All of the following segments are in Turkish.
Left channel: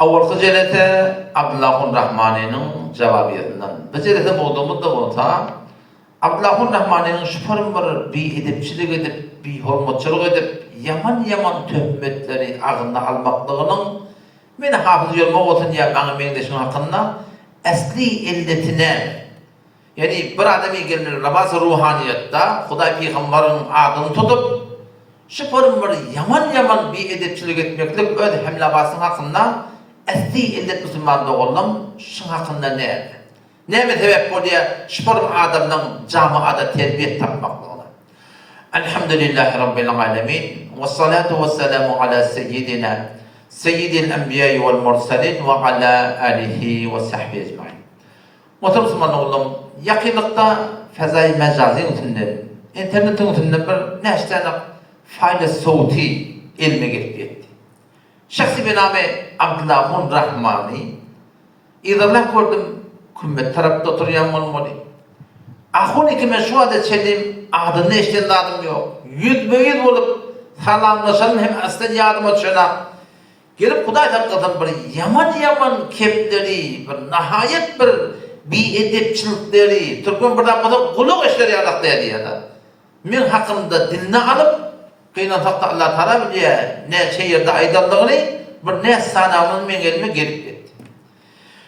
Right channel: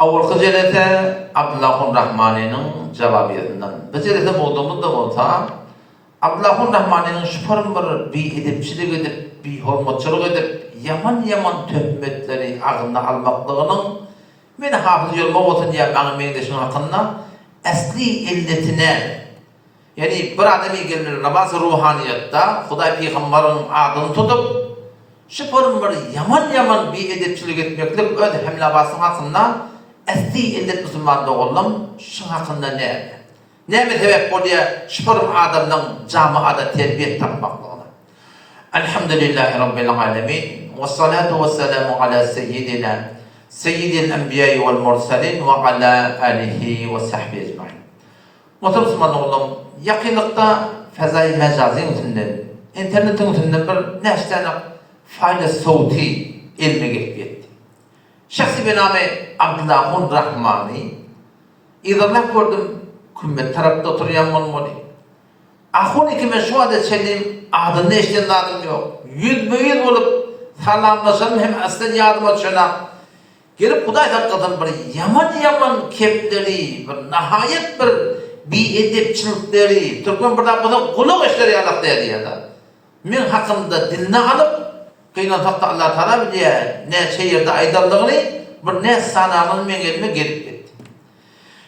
Awalkı jelete Abdullahun Rahmani'nin cevabiyetinden. Bu jelete bulduğumuz da olsa Abdullahun Rahmani'nin şüpherim var bir edipçilik edip, bir hormatçılık edip, yaman töhmetleri ağında almaklığının meni hafız yolma olsun ya bana mendeşin hakkında asli illetine, yani bir adamı gelir namaz ruhaniyetta Huday Peygamber'in adını tutup şüpherim var yaman bir edipçilik etmeklik öyle hemlabasın hakkında asli illet Müslüman'da oğlum şu hakkında ne mi sebep bu diye şüpherim adamdan camiada terbiye tapmaklığına. Elhamdülillahi Rabbil alemin ve salatu ve selamu ala seyyidil enbiyayı vel mursalin ve ala alihi ve sahbihi ecmaîn. Muhterem Müslüman oğlum, yakınlıkta fezai mecazin üstünden, internetin üstünden bir neştene fayda sauti ilmi gelip yetti. Şahsi benamı Abdullahun Rahmani, İzarlar gördüm, kümmet tarafta oturuyan olmalı. Ahun ikime şu adet çelim, adını eşten adım yok. Yüz olup salamlaşalım hem aslen yardıma düşenek. Gelip Huday hakikaten bir yaman kepleri, bir nihayet bir edepçilikleri, Türkmen burada kulak işleri yalaktaydı ya da. Men hakkında diline alıp, kıyılan takta Allah Teala diye ne şehirde aydınlığını, bir ne sanalını men gelime gelip gitti.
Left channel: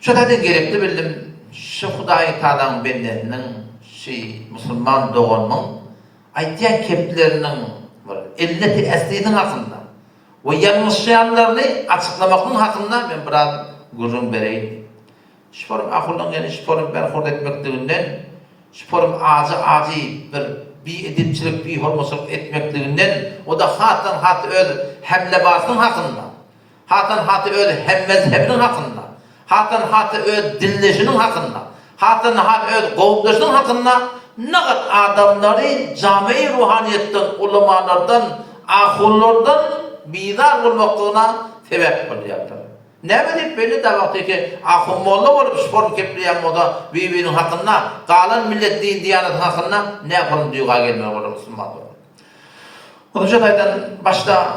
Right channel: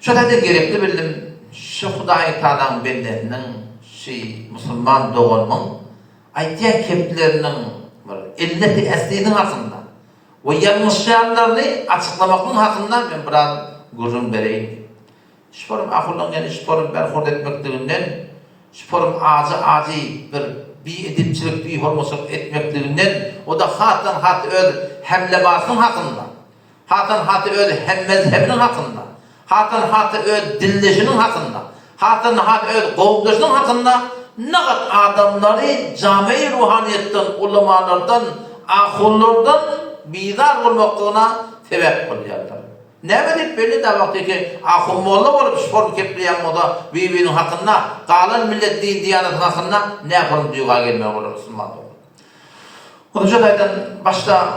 Şu da gerekli bildim, şu Huday Teala'nın benlerinin, Müslüman doğanın, aytiyan keplerinin, illeti eslinin hakkında, ve yanlışlayanlarını açıklamakın hakkında ben biraz gurur vereyim. Şüpherim akıllan yani şüpherim berhurd etmekliğinden, şüpherim acı bir edipçilik, bir hormatçılık etmekliğinden, o da hat öyle hemlebasının hakkında, hat öyle hem mezhebinin hakkında, hat öyle dilleşinin hakkında, hat öyle kovduşunun hakkında, ne kadar adamları cami-i ruhaniyetten, ulemalardan, ahullardan bidar olmaklığına sebep oluyorlar. Ne bilip belli de vakti ki ahum molla olup spor kepliyen moda birbirinin hakkında, kalan millet din diyanetinin hakkında ne yapalım diyorlar gelmiyor olur Müslüman olur. Onca daydan başta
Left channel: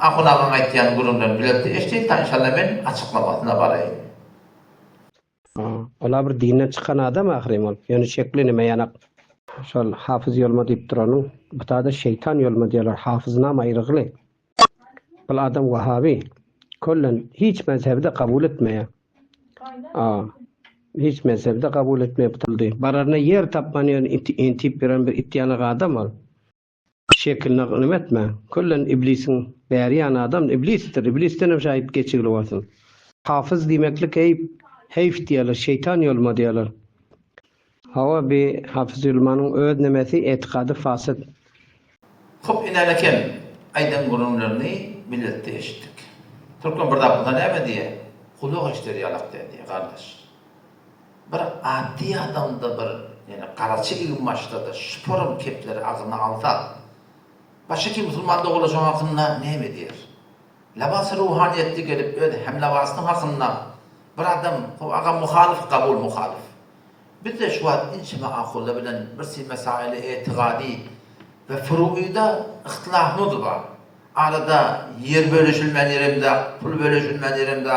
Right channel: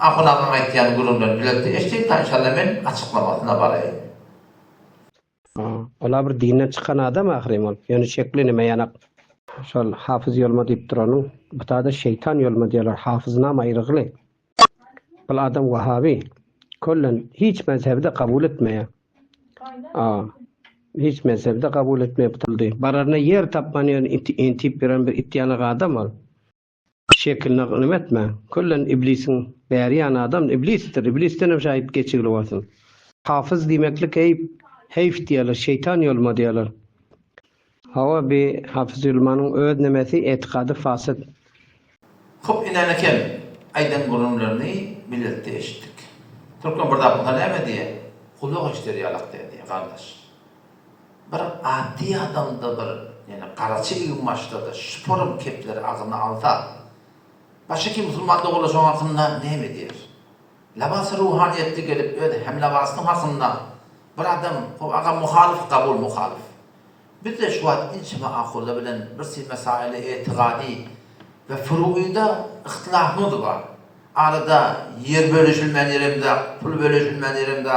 ahun ağın aytiyan gurumdan biletti. İşte inşallah ben açıklamasına varayım. Ola bir dinden çıkan adam ahrim ol. Yani şekli nime yanak. Şol hafız yolma deyip duranın. Bu da şeytan yolma diyorlar. Hafızına ayrıqlı. Bu adam Vahabi. Kullen hiç mezhebde kabul etmeye. Hiç mezhebde kabul etmeye bıtıldı. Bararına yer tapmanıyor intip bir ittiyanı adam ol. Şekline kınım etme. Kullen iblisin beriyan adam iblistir. İblisten hem şahit geçirli olsun. Hafız demeklik heyf diyorlar. Şeytan yolma diyorlar. Hava bir hafız yolmanın öğrenmesi etikadı fasıd. Hop inanırken aydan gurumlarını belirtti eşittik. Türkmen burada bundan ne diye? Kulak işleri yalaktı diye kardeş. Bir adi adamda yani karaçı ilmaçta da şüpherim kepleri ağzına alsa başka kim Müslüman'da olacağım hakkında ne mi diyor? Labası ruhaniyetli gelip öyle hem labasının hakkında bir adam o ağa muhalif. Biz de şu an inşima akılla bilen bir mesaili etikadi ve furu'ida ihtilafımız var. Arada yer bölüşülmen yerimde, pul bölüşülmen yerimde,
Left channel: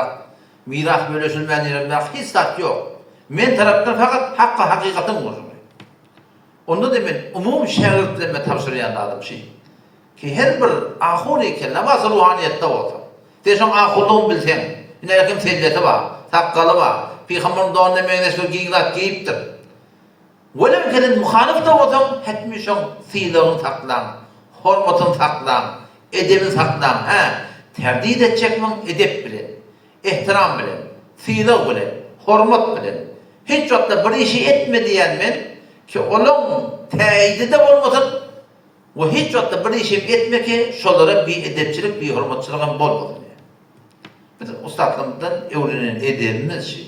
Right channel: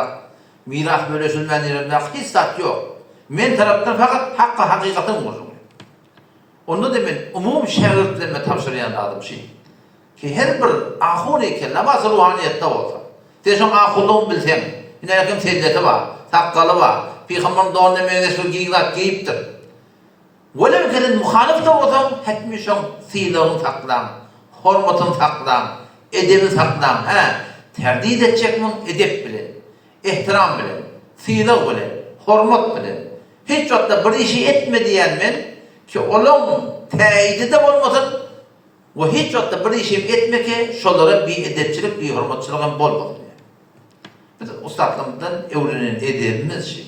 miras bölüşülmen yerimde hiç sat yok. Men taraftan fakat hakikatin vurur. Onda da ben umum şehirlerime tavsiyen adam ki her bir ahuni ki namaz ruhaniyette olsa. Teşon ahulluğun bilsen, yine kim selleti var, sakkalı var, Peygamber'in doğanına mendeşli giyiptir. Velev kelin muhalif de olsam, hetmişon silahını saklan, hormatını saklan, edebini saklan, terdid edecek mi? Edep bilen, ihtiram bilen, silah bilen, hormat bilen. Hiç hatta bir işi etme diyen men, ki onun teyidi de olmasın, ve hiç hatta bir işi etme ki, şolara bir edepçilik, bir hormatçılığın bolmasın. Biz ustadlığımızdan öğrenen edebimiz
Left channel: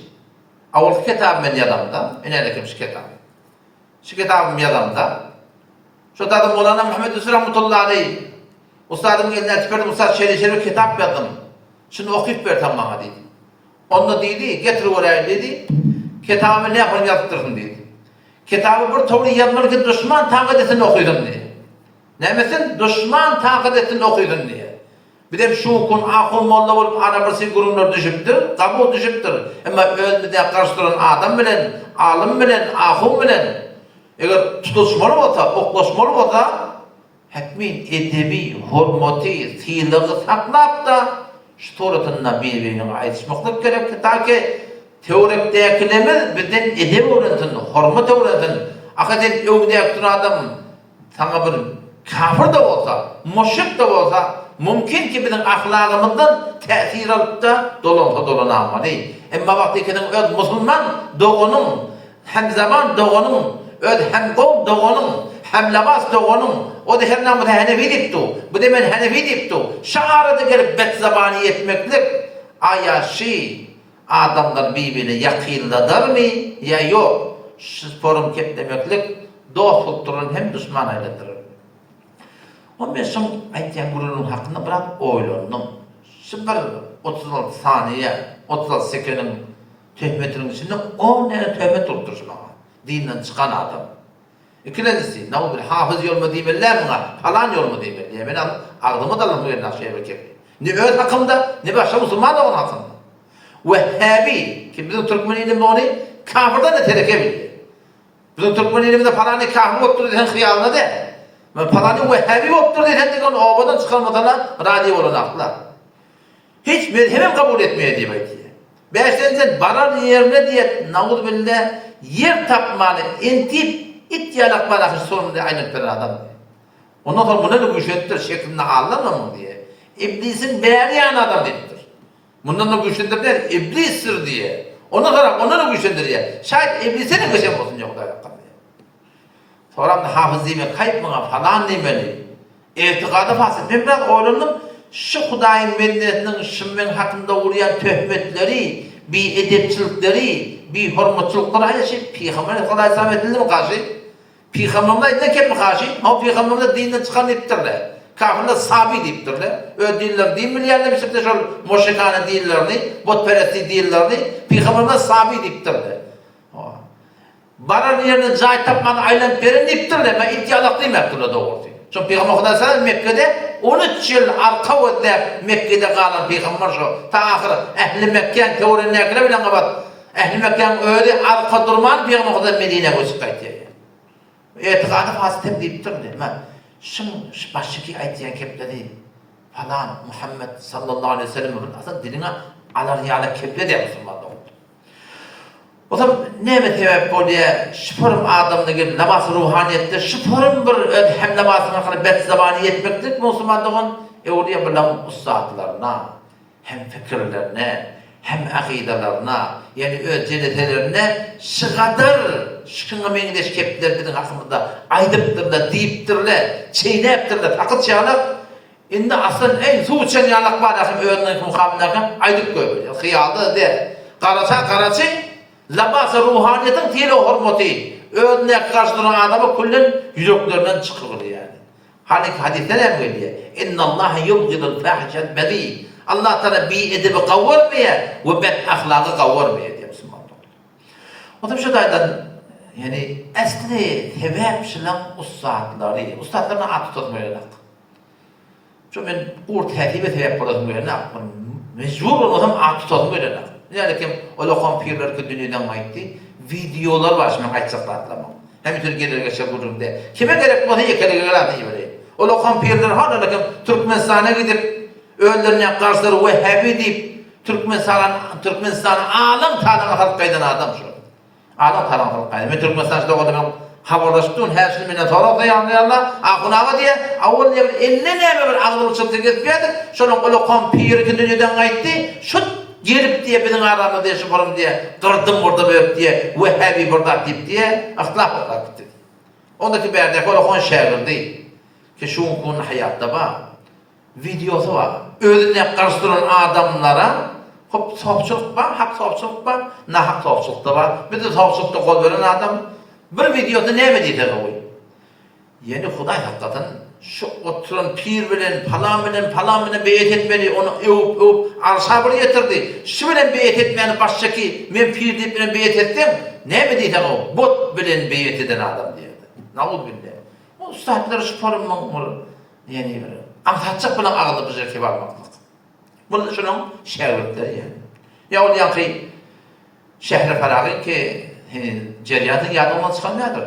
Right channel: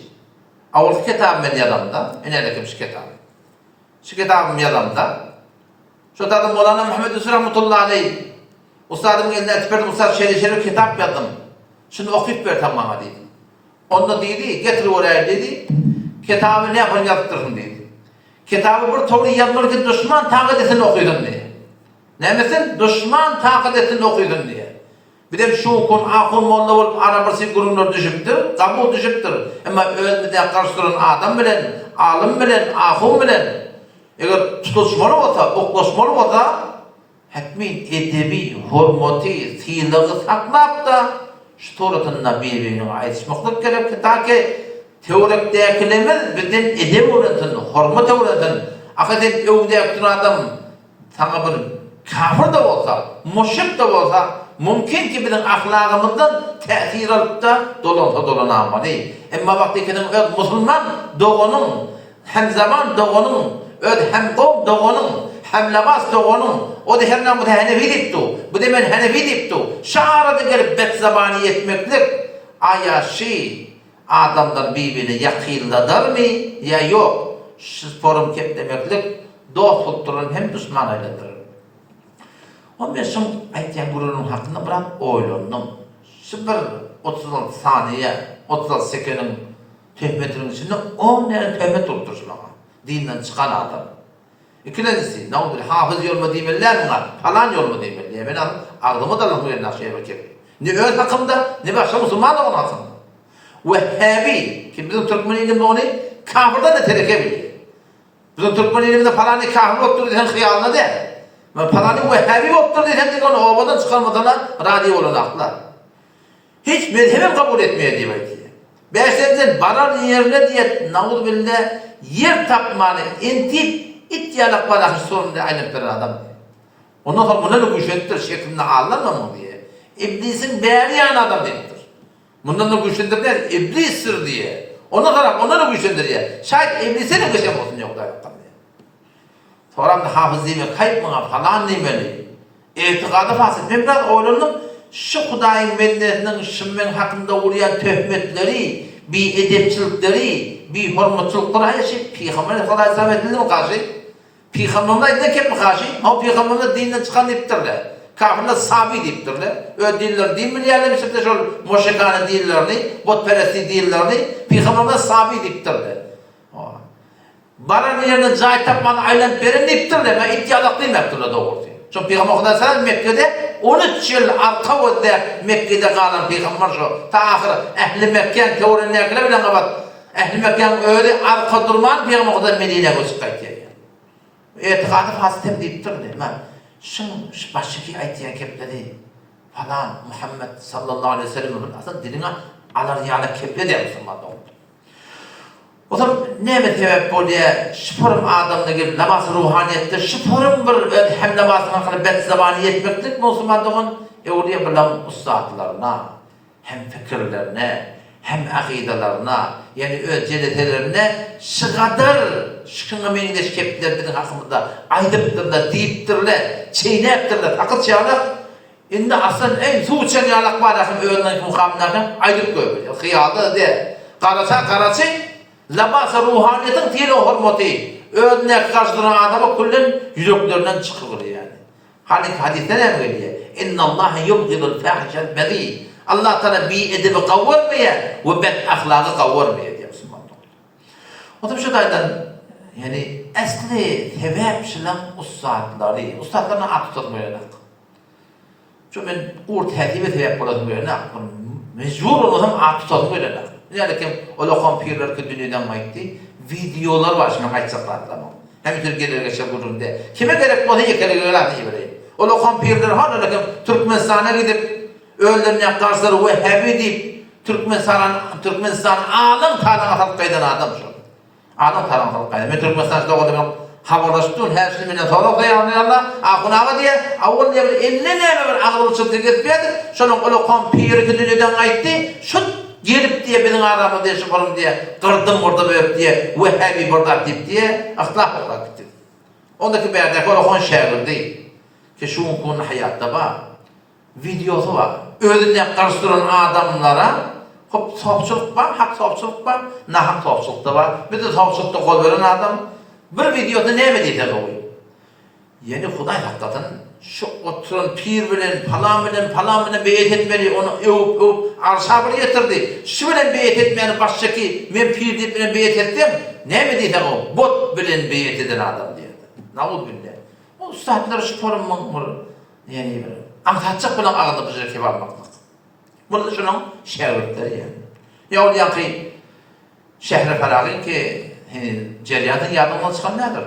Avval kitabım ben yanımda, inerekim şu kitabım. Şu kitabım yanımda. Şu tadım Mevlana Muhammed Hüsnü Rahmetullahi Aleyh. Ustadımın eline etberdim, ustad şerif kitap yazdım. Şunu okuyup ver tamama dedi. Onu dedi, getir oraya dedi. Kitabı ne yapalım yaptırın dedi. Kitabı bir toğru yazmalı ki düşman takidetini okuyordun diye. Ne misin? Düşman takidetini okuyordun diye. Bir de şu kun akıl molla bolup arabası gurumlar düşüptür, kabul düşüptür. Ama özünde karşılanan adam bilen, alim bilen, ahum bilen eger tutuşmalı bolsa, oklaşmalı bolsa hekmin edebi, hormati, siylığı saklap da şu toratınla birbirine aytışmaklık gerek ta ki teorik değerlemez birden edeb öğretin, hormat öğretin. Akaden evde adam sana bir kafir da olsa, müşrik de olsa mümkün ki bizim ahlakımızdan tesir alıp da dolanamalı. Ama vaktikinin öz Müslüman doğunun, hem zaman doğunun, öz hem kavm doğunun, hem labas doğunun, o da her namı da Hanefi diptu, bu da men Hanefi diptu. Şaharada gelip bet zabani etmeklik, ayaşı adamlar birbirine yakındadır mı ya yok? Şu forum kep demeklik, doğa kulturun hem düşman aylandırır. O ben son aytyan gururun hakkında biraz oylandım. Şu bir 36 saniye, 36 sekenin töhmetinin içinde 10 tane töhmet tuttursun ama. Dinden çıkan adam. İkincisi, ne olur hafız yol mu demeler mi? Falan yol mu demeler? Ben ağzıma da lafı verin aşağıya bakayım. Ne öz hakkında, ne başka Müslüman olan hakkında. Vehhabi, ki bizim Türkmen ilimde onu kafirden de terekebiliyor. Bizim Türkmen ilimde falanı kafir yoktur desen hıyalına de. Falanı vehhabi yoktur desen de onu obadan çıkarmadan radyo olan aklar. Hiç mezhebim kabul etmeye diye. Beşenden barar yerine diye navuz billah yer tapmanı intip ihtiyalak balakı sorunlu aynen bir adam diye. Ondan sonra buna ne güçlendir şeklinde ağlarla mı diye. İblisin beğeniyen adam deyiptir. Bundan da güçlendir der, iblistir diye. Ondan sonra ona da güçlendir diye. Şayet iblise de güçlen olsun diye Kuday'a diye. Sonra da hafız diyeme, kayıp mına falan demeli. İhtikadı fasıl. Ben biraz oylandım. Şu Kuday'ın medeniyetinin şimmen hakkında uğrayan töhmetleri, bir edepçilikleri, bir hormatçılıkları aynı şey Peygamber'e kadar islam edildi mi karşı? Peygamber'e edildi mi karşı? O Peygamber'e dinden çıkan ettirler. Kafirler sabi deyiptirler. Öyle diller değil mi yerlemişip de şu moşekane dillerini, botperesti dillerini Peygamber'e sabi deyiptirler. Baran yerine cahit tapmanı aylan verin deyiptirler. Ben ihtiyalak değil mi yaptırlar doğru diye. Çünkü Peygamber kadar sana Mekke'de 13 yıl arka öde Mekke'de kalan Peygamber şu. Ta ahir ehli Mekke'nin teorinin ekle bilen kabat. Ehli Mekke'nin öyle arka durman Peygamber kadar Medine'ye göçük kayıtıyor. İtikadı fasıtem deyiptirler. Şun baştaki ayetiyen kepleri falan Muhammed sallallahu aleyhi ve sellem aslında diline alar yağla keple de Müslüman'da oldu. O zaman ne mi sebep bu diye şüpherim adamda gibi namaz ruhaniyette şüpherim bir hem namazın hakkında bet zabani yetmektir Müslüman'da olun. Oraya bilen ustadlarına hem fikirlerine hem akidelerine yani öceletelerine şu kadar şıkkına mengideş keptiler bizim hakkımızda aydıptırlar, deyiptirler, çeyneptirler, takıt çağlar. Şimdi aslında en suçan yalak var akım öğrenlik mukamlarına aydıp koyuyor. Hıyalı de. Karası, labası ruhaniyetin tiyeli hormatu. Öğrenlik karşılanan adamı kullen yüzüklerinden çıkıyor yani. Hadiste ne mi geliyor? İnna Allah yubgidul fahişel bedi. Allah Teala bir edebi kavurmuyor ve bet ahlakı kavurmuyor diye Müslüman. O da şu daydan yani esli sebep şilan ustadlarına at tutmuyor. Çünkü ben urt hediye sebep bulasmıyor. Mecbur olmasam at tutmuyor. Yani ki o lokampirler ki dünyadan gitti. Videolar var şimdi kaçsaklatlamam. Hem Türkiye'de geçer durumda. Kime gerek bu diye kalegeler diye. O lokampirler hala lakin Türkmenistan'a gidip öğlenlerine karşıları Vehhabi deyip Türkmenistan'ın alın tanrına halkaydan adam şu. Alın tanrına halkaydan. Ben Türkmenistan'da o kadar haberleştim. Her şeyi minnet olarak anlayanlar. Akınağı diye. Avul diye bir eline neyme bir ağırlı çıktı geçmeyedir. Şunun o lokan piri ki dünyadan gitti. Şu gelip diye bizim aramızda yaşaparım diye. Kırdım burada böyle diye. Vehhabi burada deyip diye. Ahlak olarak gitti. Ondaki berdeki o lokan şehir değil. Ki şu konu hayatta var. Videosu var. Öğrenip karıştıran adamlara hop sohbetçilik var, hak sohbetçilik var, nahak sohbetçilik da var. Bir de sohbetçilikte kol veren adam bir videoda ne mi diyecek o? Yani Huday hakikaten şu oturan pir bilen, falan bilen beyet etmeli, onu övüp arşa bir getirdi. Şu bilen beyet etmeyeni baştaki, ben pir deyip bilen beyet ettim, ne mi diyecek o? Bot bilen beyet eden adam diye. Navud billah. O ustadlar şu forumun yani anlatacak bilen ağırlı bir şey var mı? Bu şunun şagirdleri yani. Ya o yankı Şehri Farag'ın ki ceriyatın yadından çıkan nedir?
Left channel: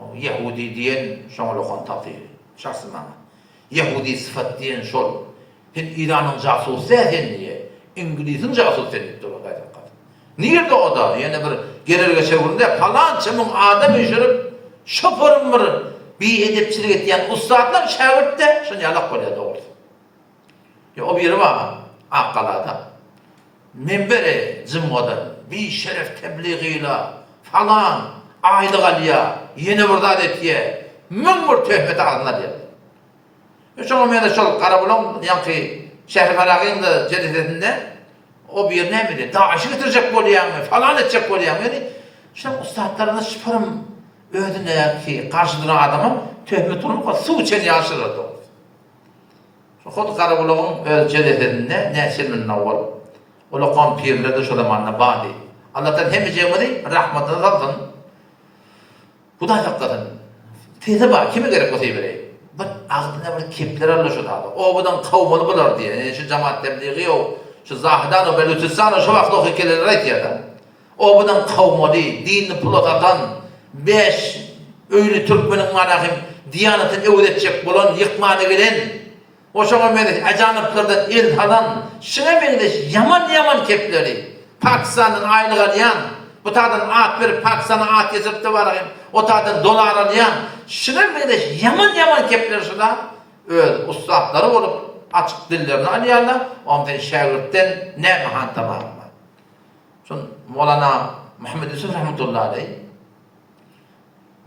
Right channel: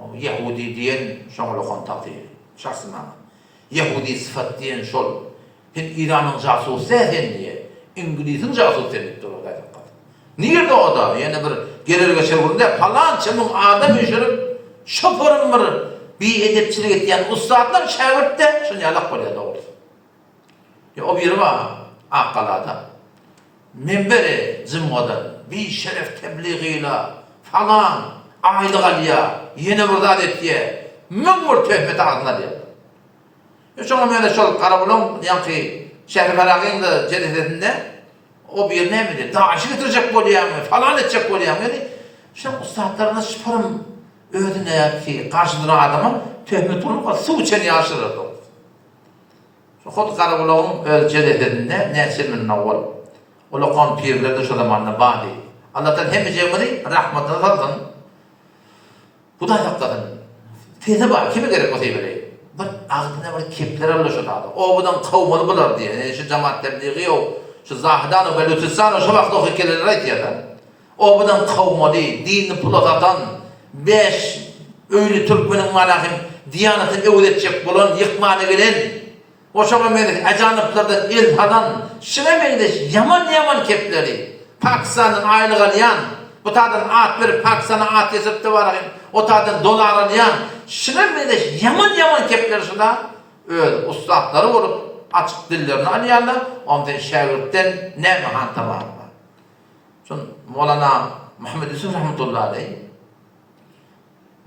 O Yahudi diyen şoňa lokan tatyr. Şahsy bana. Yahudi sıfat diyen şol. İran'ın jasusu diye. İngiliz'in jasusu denip durur gaýtak. Nirde o da? Yani bir gelerge çevirinde falança mun adam öşürüp şoforum bir edepçilik etdiyen ustadlar şagirdde şunu yalak bolýar dogry. O biri var Akkaladan. Minberi cımgadan bir şeref tebliğiyle falan aylık alya yeni bir adetiye mümmür töhmet ağzına diye. Şoňa mene şol Karabulan yankı Şehri Farag'ın da cededinde o bir ne miydi? Daşı getirecek bolýarmy, falan edecek bolýarmy. Yani şol ustadlarına şıparım ödüne ki karşıdına adama töhmet olup su içen yaşırırdı. Şu Hod Karabulan'ın öz cededinde nesilmin avval. Ola kan pirlerde şu zamanla badi. Allah'tan hem cemali rahmetine zatın. Bu da hakikaten. Teze bak kimi gerek olsa vereyim. Bir ağzına bir kepler alır şu dağda. O budan kavmalı bular diye. Yani şu cemaat tebliği o. Şu zahidan o belütüssan o şu vakti o hikayeler ait ya. O budan kavmalı, dinini pulatatan, 5 öylü Türkmenin malahim diyanetini öğretecek bulan, yıkmana gelen, o şoňa mene ajaniplerden ilhadan şilemengde yaman kepleri Pakistan'ın aylık alyan bu tadan at bir Pakistan'a at yesip de var o tadan dolar alyan şilemengde yaman kepleri şuna öyle ustadları olup açık dillerini alyanlar ondan şagirdden ne mahan tamamı şun Mevlana Muhammed Yusuf rahmetullahi aleyh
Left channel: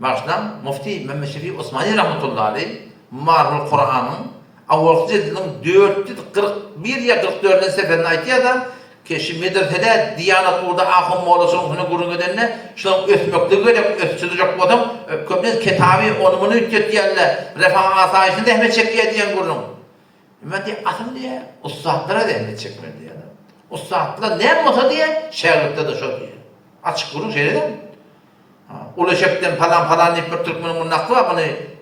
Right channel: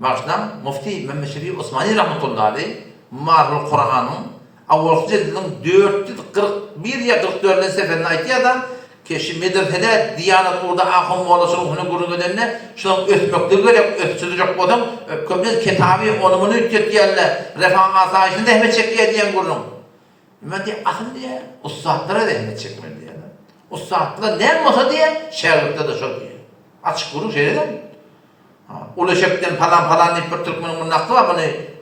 baştan Mufti Mehmet Şefi Osmani rahmetullahi aleyh Marhul Kur'an'ın awalki jedilin 441 ya 44 seferini aýtýar da keşi medresede Diyanat urda ahym molasynyň hunu gurungedenine şoň ösmekde gerek ösçüdürek bodum köpüň kitaby onumunu ütjetýärler refah asaýyşynda ähmet çekýär diýen gurun. Men diýär asyn diýär ustadlara da ähmet çekmeli diýär. Ustadlar näme bolsa diýär şagirdde de şo diýär. Açyk gurun şeýle. Ulaşıktan falan bir Türkmenin münaklı var.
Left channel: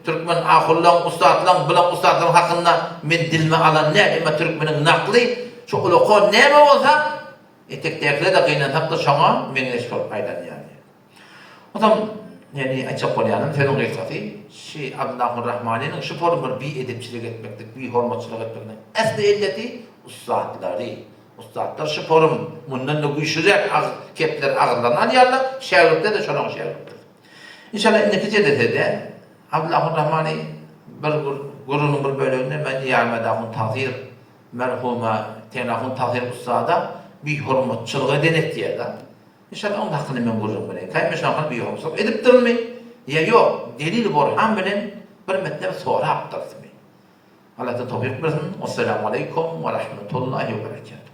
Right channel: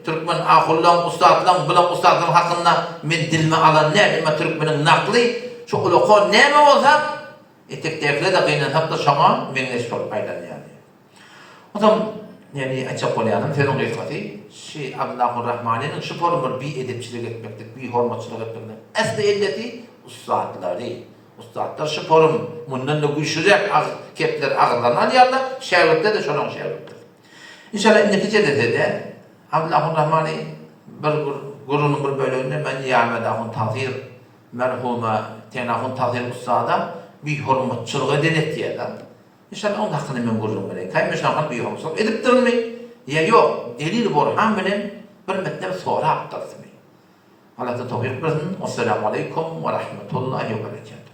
Türkmen ahullan, ustadlan, bulan ustadlan hakkında men dilme alan ne? Türkmenin naklı, şu ulukon neyme olsa, etekdekle de kıynatıp da şoňa meňeş bolup aýdan yani. O zaman, yani açık bolýanam, senin gıykati, Abdullahur Rahmani'nin şu formu bir edepçilik etmeklik, bir hormatçılık etmeklik. Esli illeti ustadları. Ustadlar şu forum bundan da güýçlüjek kepler agyrlanan ýerler şagirdde de şoňa şagirtdir. İnşallah neticede de Abdullahur Rahmani bir gurunun bir bölümünde men ýa-da tazyr merhuma tenahun tazyr ustada bir hormatçylyk edenet diýär. İnşallah onda hakkında men gurun bilen. Kaýma şoňa bir hormatçylyk edipdirmi? ýa ýok, delil borhan bilen bir metlep sonra aptardymy. Allah da tawfik bersin. Assalamu aleykum ve rahmetullahi ve berekatuhu.